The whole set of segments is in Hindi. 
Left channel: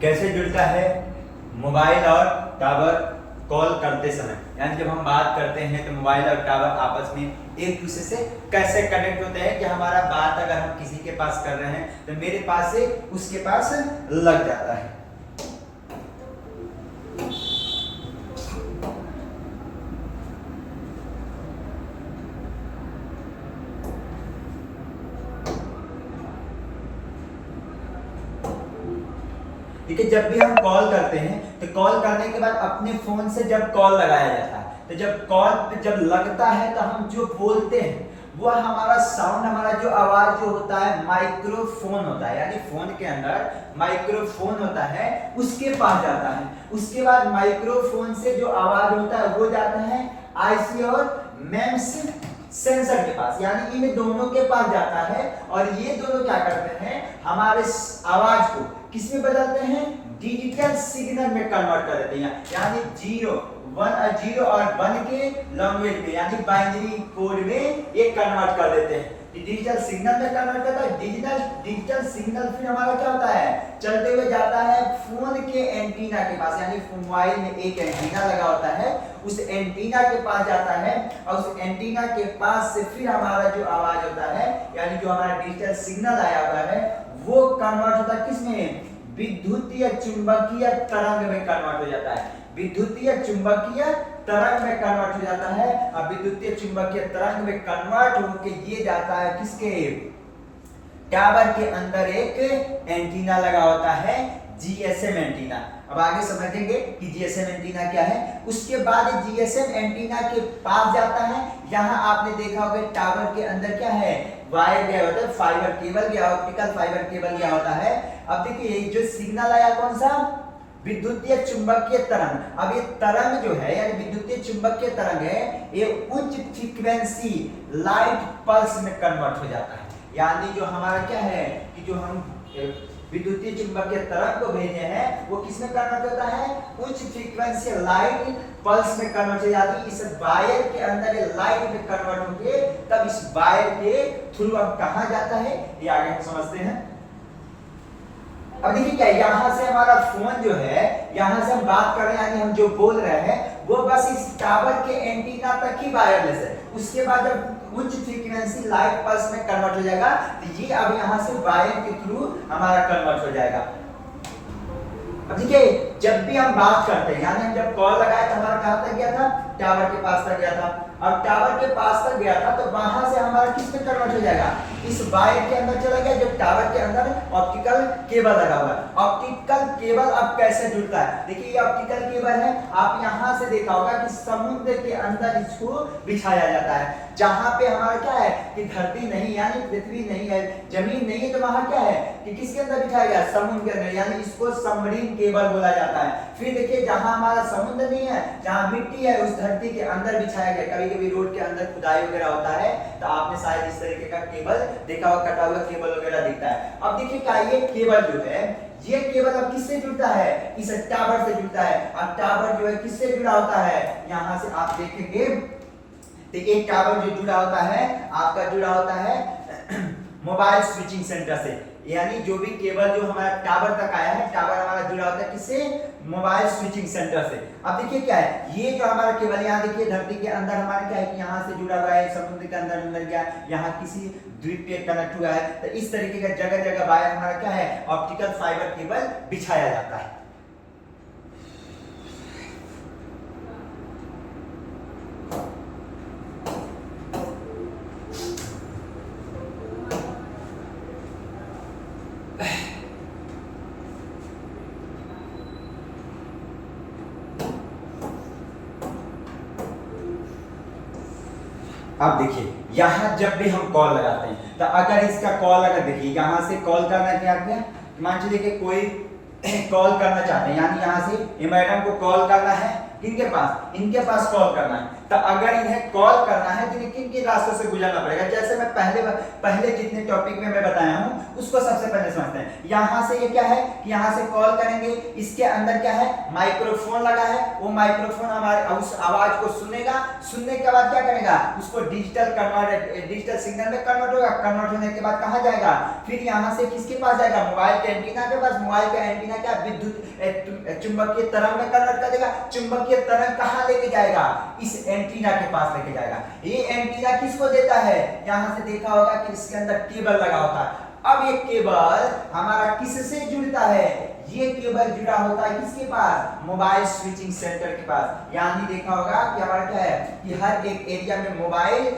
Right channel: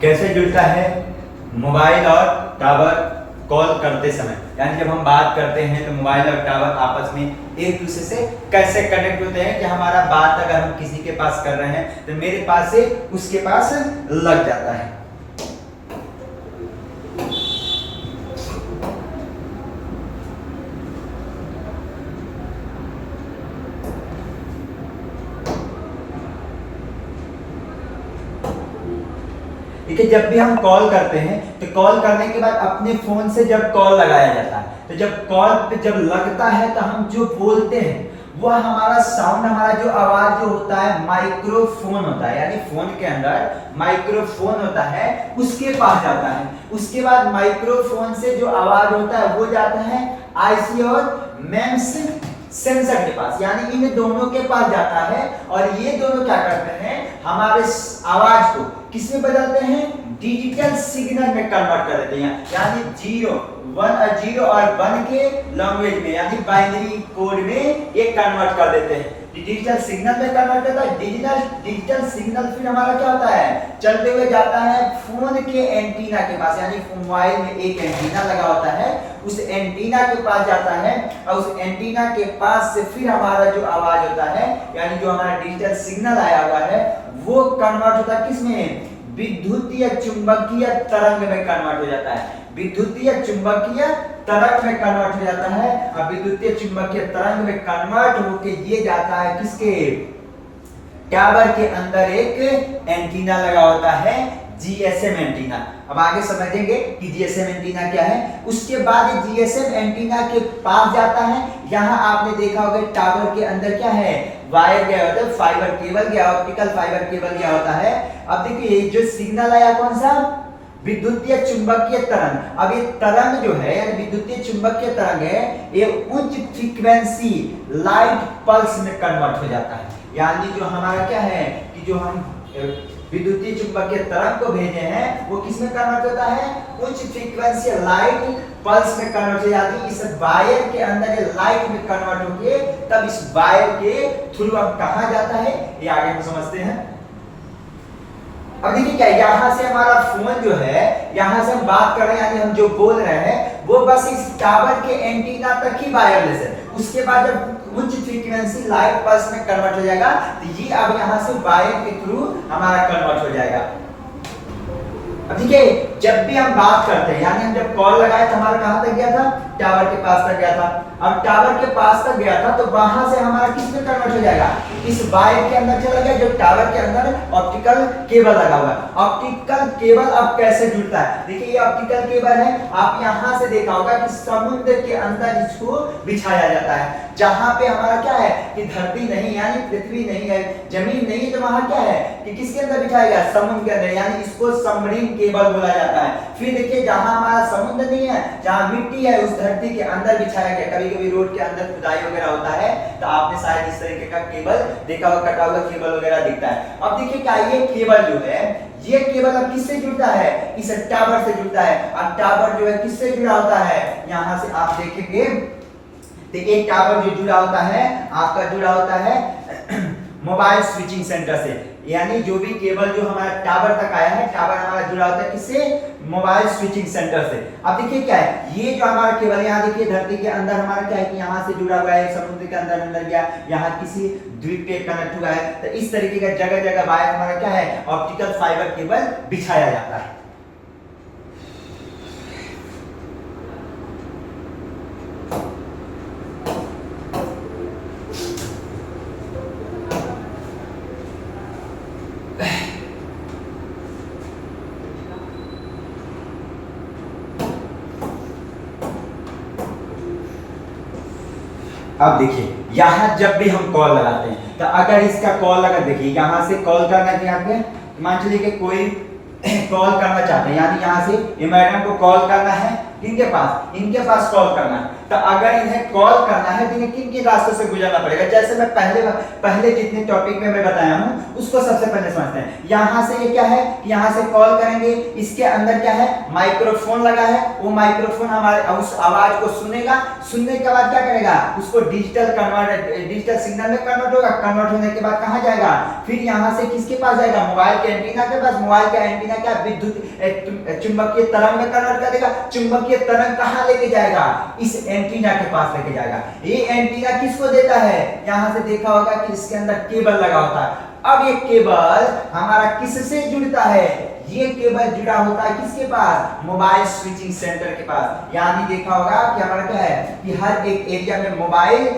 कैसे जुड़ता है मोबाइल और टावर कॉल करते समय, यानी जब हम बात करते हैं तो मोबाइल और टावर आपस में एक दूसरे से कैसे कनेक्ट होते हैं कि हमारा बात अगर हम किसी के पास कर रहे हैं तो मेरे पास से उसके पास लग जाता है। ठीक है, जब भी हम कॉल करते हैं तो कॉल करने के बाद अपने फोन से जब कॉल लगाया जाता है तो जब कॉल पे जब लगता है तो हम जो बोलते हैं वह हमारा साउंड, हमारा जो आवाज जो होता है माइक्रोफोन होता है, यानी फोन के अंदर माइक्रोफोन होता है उसके पास जाता है। उसके बाद माइक्रोफोन से जो आवाज होता है वो जाता है आईसी और मेम्स सेंसर के पास, यानी इन दोनों के पास जाता है और ये दोनों क्या करते हैं हमारे आवाज को किसमें बदलते हैं, डिजिटल सिग्नल में कन्वर्ट कर देते हैं, यानी 0 और 1 के लैंग्वेज में, यानी बाइनरी कोड में ये कन्वर्ट कर देते हैं, डिजिटल सिग्नल में कन्वर्ट करता है। डिजिटल सिग्नल फिर हमारा क्या होता है, चलते हुए जाता है फोन के एंटीना के पास, यानी मोबाइल में एक एंटीना लगा होता है, उस एंटीना के पास जाता है और उस एंटीना के पास से फिर हमारा जो आवाज होता है, यानी जो हमारा डिजिटल सिग्नल आया हुआ है वो कन्वर्ट होता है किसमें, विद्युतीय चुंबकीय तरंग में कन्वर्ट हो जाता है, विद्युतीय चुंबकीय तरंग में कन्वर्ट हो जाता है। अब विद्युतीय चुंबकीय तरंग में कन्वर्ट होके ये जाता है किसके, टावर के अंदर एक एंटीना लगा होता है, जीएसएम एंटीना। अब आगे समझेंगे कि जीएसएम एंटीना क्या है। उसके बाद जीएसएम एंटीना के पास जाता है, यहाँ आपने देखा होगा टावर के अंदर क्या है, वायर गया होता है, फाइबर केबल गया, ऑप्टिकल फाइबर केबल गया होता है। अब देखिए जो सिग्नल आया कौन सा, विद्युतीय चुंबकीय तरंग। अब ये तरंग जो है यानी विद्युतीय चुंबकीय तरंग है, ये उच्च फ्रीक्वेंसी लाइट पल्स में कन्वर्ट हो जाता है, यानी जो हमारा क्या है कि जो हम विद्युतीय चुंबकीय तरंग को भेजे हैं वो किसमें कन्वर्ट होता है, उच्च फ्रीक्वेंसी लाइट पल्स में कन्वर्ट हो जाती है। इस वायर के अंदर ये लाइट में कन्वर्ट होके तब इस वायर के थ्रू अब कहां जाता है ये आगे हम समझते हैं। अब देखिए क्या, यहाँ से हमारा फोन जो है, यहाँ से हम बात कर रहे हैं यानी हम जो बोल रहे हैं वो बस इस टावर के एंटीना तक ही वायरलेस है। उसके बाद जब उच्च फ्रीक्वेंसी लाइट पल्स में कन्वर्ट हो जाएगा तो ये अब यहाँ से वायर के थ्रू हमारा कन्वर्ट हो जाएगा। अब देखिए जब भी हम बात करते हैं यानी हम जब कॉल लगाए तो हमारा कहां तक गया था, टावर के पास तक गया था। अब टावर के पास तक गया था तो वहां से हमारा किस में कन्वर्ट हो जाएगा, इस वायर के अंदर चला गया जो टावर के अंदर ऑप्टिकल केबल लगा हुआ है। ऑप्टिकल केबल अब कैसे जुड़ता है, देखिए ये ऑप्टिकल केबल है, आप यहां से देखा होगा कि समुद्र के अंदर इसको बिछाया जाता है, जहां पे हमारा क्या है कि धरती नहीं यानी पृथ्वी नहीं है, जमीन नहीं है, तो वहां क्या है कि किसके अंदर बिछाया गया, समुद्र के अंदर, यानी इसको सबमरीन केबल बोला जाता है। फिर देखिए जहां हमारा समुद्र नहीं है, जहां मिट्टी है, उस धरती के अंदर बिछाया गया। कभी-कभी रोड के अंदर खुदाई वगैरह होता है तो आपने शायद इस तरीके का केबल देखा होगा, कटा हुआ केबल वगैरह दिखता है। अब देखिए क्या ये केबल जो है, ये केबल अब किससे जुड़ता है, इस टावर से जुड़ता है। अब टावर जो है किससे जुड़ा होता है, यहां से आप देखेंगे तो एक टावर जो जुड़ा होता है आपका जुड़ा होता है मोबाइल स्विचिंग सेंटर से, यानी जो भी केबल जो हमारा टावर तक आया है, टावर हमारा जुड़ा होता है किससे, मोबाइल स्विचिंग सेंटर से। अब देखिए क्या है, ये जो हमारा केबल यहाँ देखिए धरती के अंदर हमारा क्या है कि यहाँ से जुड़ा हुआ है, समुद्र के अंदर गया, यहाँ किसी द्वीप पे कनेक्ट हुआ है, तो इस तरीके का जगह जगह वायर हमारा क्या है, ऑप्टिकल फाइबर केबल बिछाया जाता है। अब देखिए यहाँ जब भी हम कॉल लगाते हैं तो अगर इसका कॉल अगर देखिए यहाँ से कॉल करना क्या है, मान चलिए कि कोई कॉल करना चाहते हैं, यानी यहाँ से ये मैडम को कॉल करना है, किनके पास, इनके पास कॉल करना है, तो अगर इन्हें कॉल करना है तो इन्हें किन किन रास्तों से गुजरना पड़ेगा। जैसे मैं पहले जितने टॉपिक में मैं बताया हूं उसको सबसे पहले समझते हैं। यहां से ये क्या है, यहां से कॉल करेंगे, इसके अंदर क्या है, माइक्रोफोन लगा है, वो माइक्रोफोन हमारे उस आवाज को सुनेगा, सुनने के बाद क्या करेगा, उसको डिजिटल सिग्नल में कन्वर्ट होगा, कन्वर्ट होने के बाद कहां जाएगा, फिर यहां से किसके पास जाएगा, मोबाइल के एंटीना के पास। मोबाइल का एंटीना क्या विद्युत चुंबकीय तरंग में कन्वर्ट कर देगा। चुंबकीय तरंग कहां लेके जाएगा, इस एंटीना के पास लेके जाएगा। ये एंटीना किसको देता है, यहां से देखा होगा कि इसके अंदर केबल लगा होता है। अब ये केबल हमारा किससे जुड़ता है, ये केबल जुड़ा होता है किसके पास, मोबाइल स्विचिंग सेंटर के पास। यानी देखा होगा कि हमारा क्या है कि हर एक एरिया में मोबाइल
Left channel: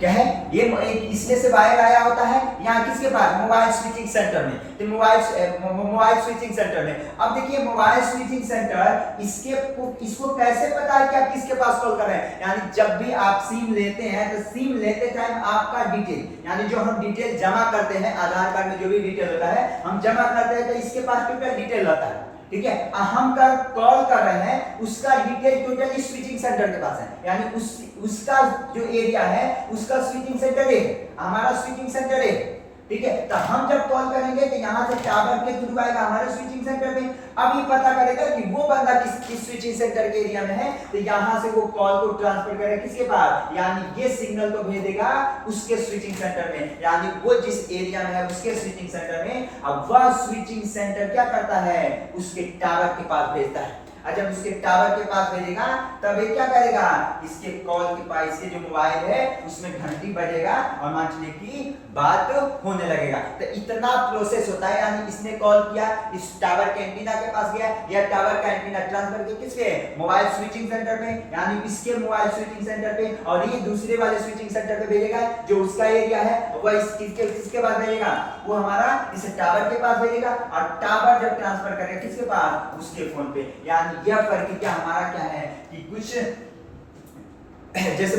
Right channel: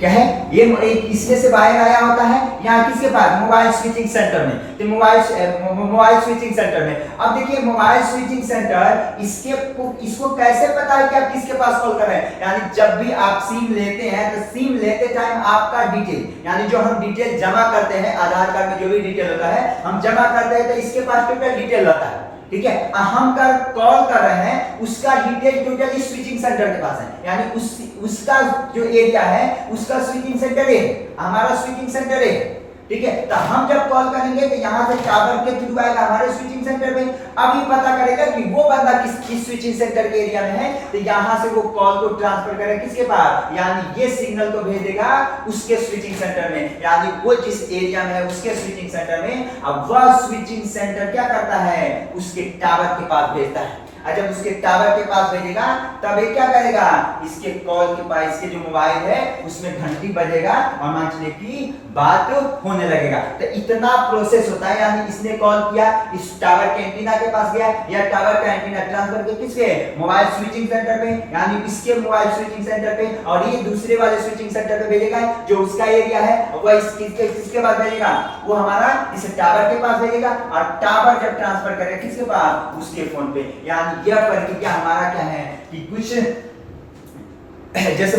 क्या है, ये इसमें से बाहर आया होता है, यहाँ किसके पास, मोबाइल स्विचिंग सेंटर में। तो मोबाइल स्विचिंग सेंटर में। अब देखिए मोबाइल स्विचिंग सेंटर इसको कैसे पता है कि आप किसके पास कॉल कर रहे हैं। यानी जब भी आप सिम लेते हैं तो सिम लेते टाइम आपका डिटेल, यानी जो हम डिटेल जमा करते हैं, आधार कार्ड में जो भी डिटेल होता है हम जमा करते हैं, तो इसके पास टोटल डिटेल रहता है। ठीक है, हम कॉल कर रहे हैं उसका डिटेल टोटली स्विचिंग सेंटर के पास है। यानी उसका जो एरिया है उसका स्विचिंग सेंटर है, हमारा स्विचिंग सेंटर है। ठीक है, तो हम जब कॉल करेंगे तो यहां से टावर के थ्रू आएगा हमारे स्विचिंग सेंटर में। अब ये पता करेगा कि वो बंदा किस स्विचिंग सेंटर के एरिया में है, तो यहां से वो कॉल को ट्रांसफर करेगा किसके पास, यानी ये सिग्नल को भेज देगा उसके स्विचिंग सेंटर में, यानी वो जिस एरिया में है उसके स्विचिंग सेंटर में। अब वह स्विचिंग सेंटर क्या करता है, उसके टावर के पास भेजता है। जब उसके टावर के पास भेजेगा तब ये क्या करेगा, इसके कॉल के पास, इसके जो मोबाइल है उसमें घंटी बजेगा और मांझने की बात होने लगेगा। तो इतना प्रोसेस होता है। यानी इसने कॉल किया, इस टावर के एंटीना के पास गया, या टावर का एंटीना ट्रांसफर के किसके, मोबाइल स्विचिंग सेंटर पे, यानी इसके मोबाइल स्विचिंग सेंटर पे, और ये दूसरे वाले स्विचिंग सेंटर पे भेजेगा जो उसका एरिया है, वह किसके पास भेजेगा, वो हमारा इस टावर के पास भेजेगा, और टावर जब ट्रांसफर करेगा किसके पास, उसके फोन पे। यानी यह प्रक्रिया हमारा क्या है कि कुछ जैसे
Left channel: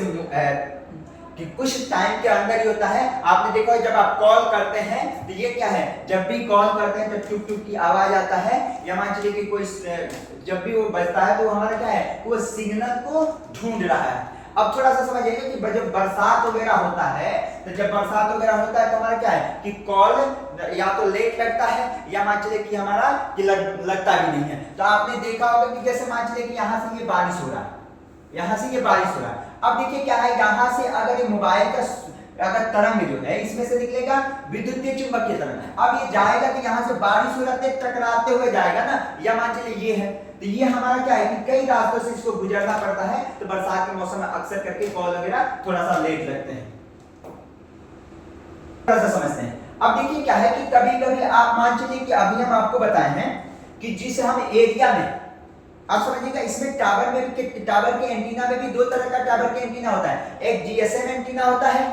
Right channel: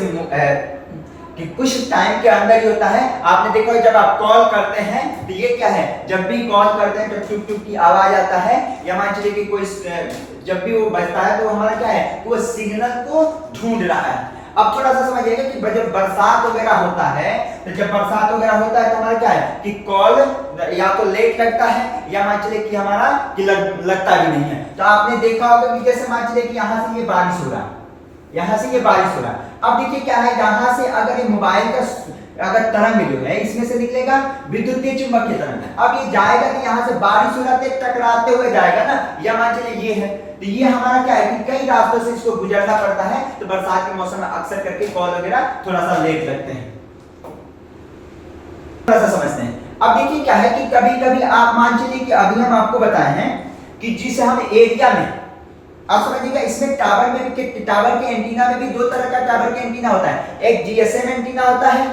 कि कुछ टाइम के अंदर ही होता है। आपने देखा जब आप कॉल करते हैं तो ये क्या है, जब भी कॉल करते हैं तो टुक टुक की आवाज आता है, या मान चलिए कि कोई जब भी वो बजता है तो हमारा क्या है, वो सिग्नल को ढूंढ रहा है। अब थोड़ा सा समझिएगा कि जब बरसात वगैरह होता है, तो जब बरसात वगैरह होता है तो हमारा क्या है कि कॉल या तो लेट लगता है, या मान चलिए कि हमारा कि लगता भी नहीं है। तो आपने देखा होगा कि जैसे मान चलिए कि यहाँ से ये बारिश हो रहा है, यहाँ से ये बारिश हो रहा है। अब देखिए क्या है, यहाँ से अगर ये मोबाइल का अगर तरंग जो है इसमें से निकलेगा विद्युतीय चुंबकीय तरंग। अब ये जाएगा कि यहाँ से बारिश होते टकराते हुए जाएगा ना, या मान चलिए ये है, तो ये हमारा क्या है कि कई रास्तों से इसको गुजरना पड़ता है। तो बरसात के मौसम में अक्सर करके कॉल वगैरह थोड़ा सा लेट लगते हैं, थोड़ा सा समझते हैं। अब देखिए क्या है कि कभी कभी आप मान चलिए कि अभी हम आपको बताए हैं कि जिस हम एरिया में, आप समझिएगा इसमें टावर के एंटीना में भी दो तरह का टावर के एंटीना होता है। एक जीएसएम एंटीना होता है,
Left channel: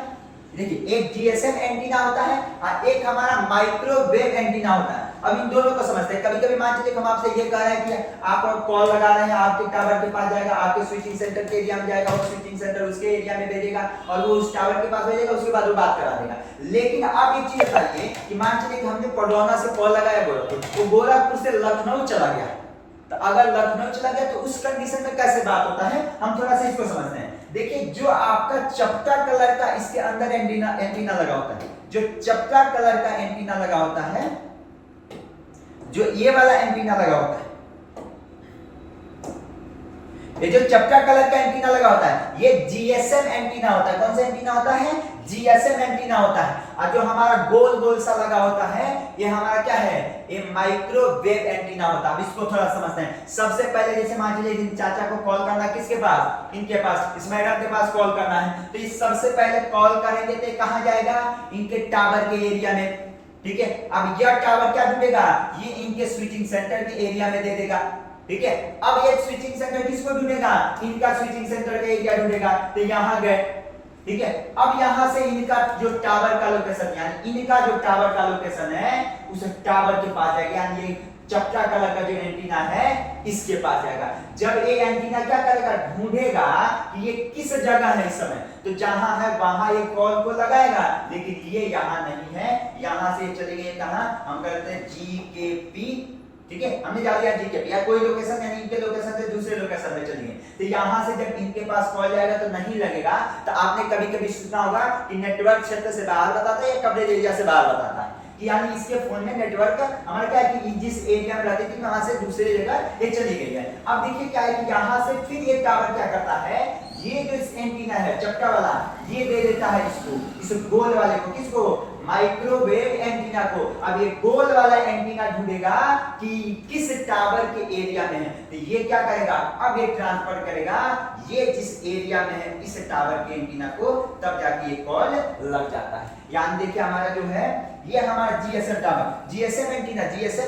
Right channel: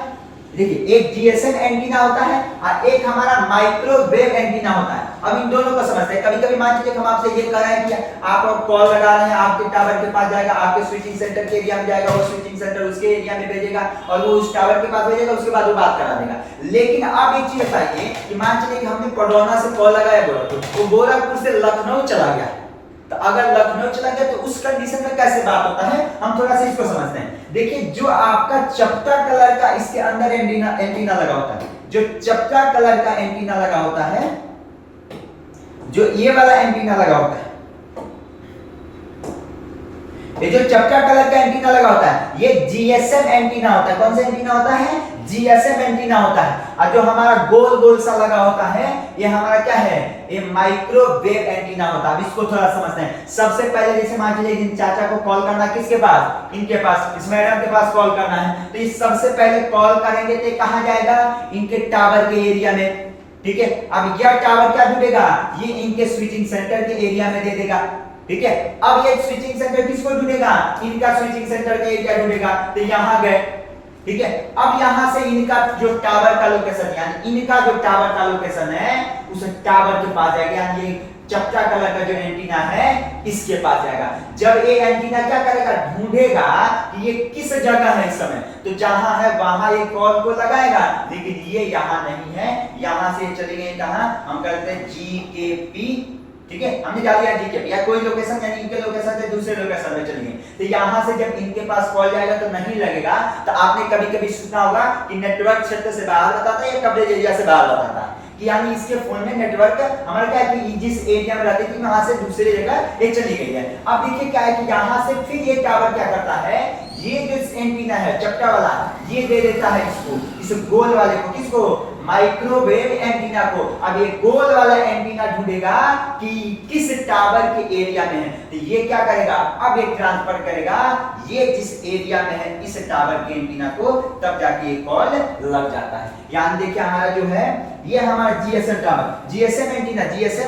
देखिए एक जीएसएम एंटीना होता है, और एक हमारा माइक्रोवेव एंटीना होता है। अब इन दोनों को समझते हैं। कभी कभी मान लीजिए हम आपसे ये कह रहे हैं कि आप कॉल लगा रहे हैं, आपके टावर के पास जाएगा, आपके स्विचिंग सेंटर के एरिया में जाएगा, वो स्विचिंग सेंटर उसके एरिया में भेजेगा, और वो उस टावर के पास भेजेगा, उसके बाद वो बात करा देगा। लेकिन अब एक चीज बताइए कि मान लीजिए कि हमने पडौना से कॉल लगाया गोरखपुर, तो गोरखपुर से लखनऊ चला गया, तो अगर लखनऊ चला गया तो उस कंडीशन में कैसे बात होता है, हम थोड़ा सा इसको समझते हैं। देखिए जो आपका चपटा कलर का इसके अंदर एंटीना लगा होता है, जो चपटा कलर का एंटीना लगा होता है, जो ये वाला एंटीना लगा होता है, ये जो चपटा कलर का एंटीना लगा होता है, ये जीएसएम एंटीना होता है। कौन सा एंटीना होता है, जीएसएम एंटीना होता है। और जो हमारा गोल गोल सा लगा होता है, ये हमारा क्या है, ये माइक्रोवेव एंटीना होता है। अब इसको थोड़ा समझते हैं। सबसे पहले जैसे मान लीजिए इन चाचा को कॉल करना है, किसके पास, इनके पास, इस मैडम के पास कॉल करना है, तो ये सबसे पहले कॉल करेंगे तो कहां जाएगा, इनके टावर के एरिया में। ठीक है, अब यह टावर क्या ढूंढेगा, ये इनके स्विचिंग सेंटर के एरिया में दे देगा। ठीक है, अब ये स्विचिंग सेंटर किसको ढूंढेगा, इनका स्विचिंग सेंटर का एरिया ढूंढेगा, तो यहां गए। ठीक है, अब यहां से इनका जो टावर का लोकेशन, यानी इनका जो टावर का लोकेशन है उस टावर के पास जाएगा, यानी ये चपटा कलर का जो एंटीना है इसके पास जाएगा। जब ये एंटीना क्या करेगा, ढूंढेगा कि ये किस जगह है इस समय, तो जहां है वहां ये कॉल को लगाएगा, लेकिन ये यहां नहीं है, यहां से चले गए कहां, हम करते हैं GKP ठीक है, हमने डाल दिया जीके या कोई लोकेशन यानी इनके लोकेशन से दूसरे लोकेशन पे चलिए, तो यहाँ से जब इनके पास कॉल जाएगा तो नहीं लगेगा। तो आपने कभी कभी सुना होगा कि नेटवर्क क्षेत्र से बाहर बताता है या कवरेज एरिया से बाहर बताता है, कि यानी इसके फोन में नेटवर्क हमारा क्या है कि जिस एरिया में रहती थी वहां से दूसरी जगह ये चली गई है। अब देखिए क्या है कि यहाँ से फिर ये टावर क्या करता है, ये जो एंटीना है चपटा वाला, ये दे देता है इसको, इस गोल वाले को, किसको, माइक्रोवेव एंटीना को। अब ये गोल वाला एंटीना ढूंढेगा कि किस टावर के एरिया में है, तो ये क्या करेगा, अब ये ट्रांसफर करेगा ये जिस एरिया में है इस टावर के एंटीना को, तब जाके ये कॉल लग जाता है। यानी देखिए हमारा जो है ये हमारा जीएसएम टावर, जीएसएम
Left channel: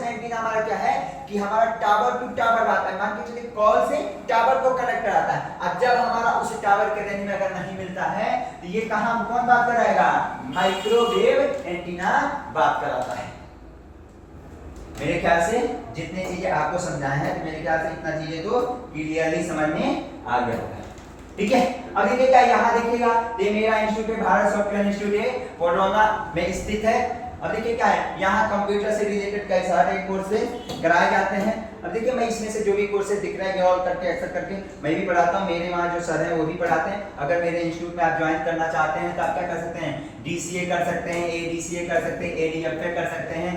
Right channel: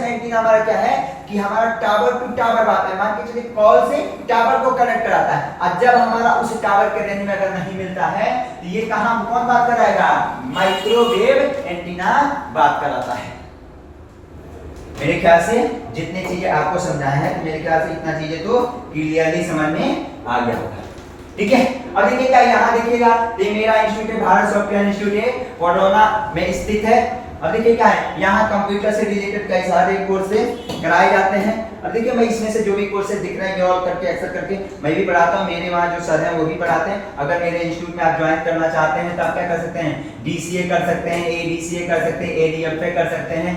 एंटीना हमारा क्या है कि हमारा टावर टू टावर बात है, मान के चलिए कॉल से टावर को कनेक्ट कराता है। अब जब हमारा उस टावर के रेंज में अगर नहीं मिलता है तो ये कहां कौन बात कराएगा, माइक्रोवेव एंटीना बात कराता है। मेरे ख्याल से जितने चीजें आपको समझाए हैं तो मेरे ख्याल से इतना चीजें तो क्लियरली समझ में आ गया होगा, ठीक है। अब देखिए क्या यहाँ देखिएगा, ये मेरा इंस्टीट्यूट है, भारत सॉफ्टवेयर इंस्टीट्यूट है, वडोदरा में स्थित है। अब देखिए क्या है, यहाँ कंप्यूटर से रिलेटेड कई सारे कोर्सेज कराए जाते हैं। अब देखिए मैं इसमें से जो भी कोर्सेज दिख रहे हैं और करके अक्सर करके मैं भी पढ़ाता हूँ, मेरे वहाँ जो सर हैं वो भी पढ़ाते हैं। अगर मेरे इंस्टीट्यूट में आप ज्वाइन करना चाहते हैं तो आप क्या कर सकते हैं, डीसीए कर सकते हैं, एडीसीए कर सकते हैं, एडीएफए कर सकते हैं,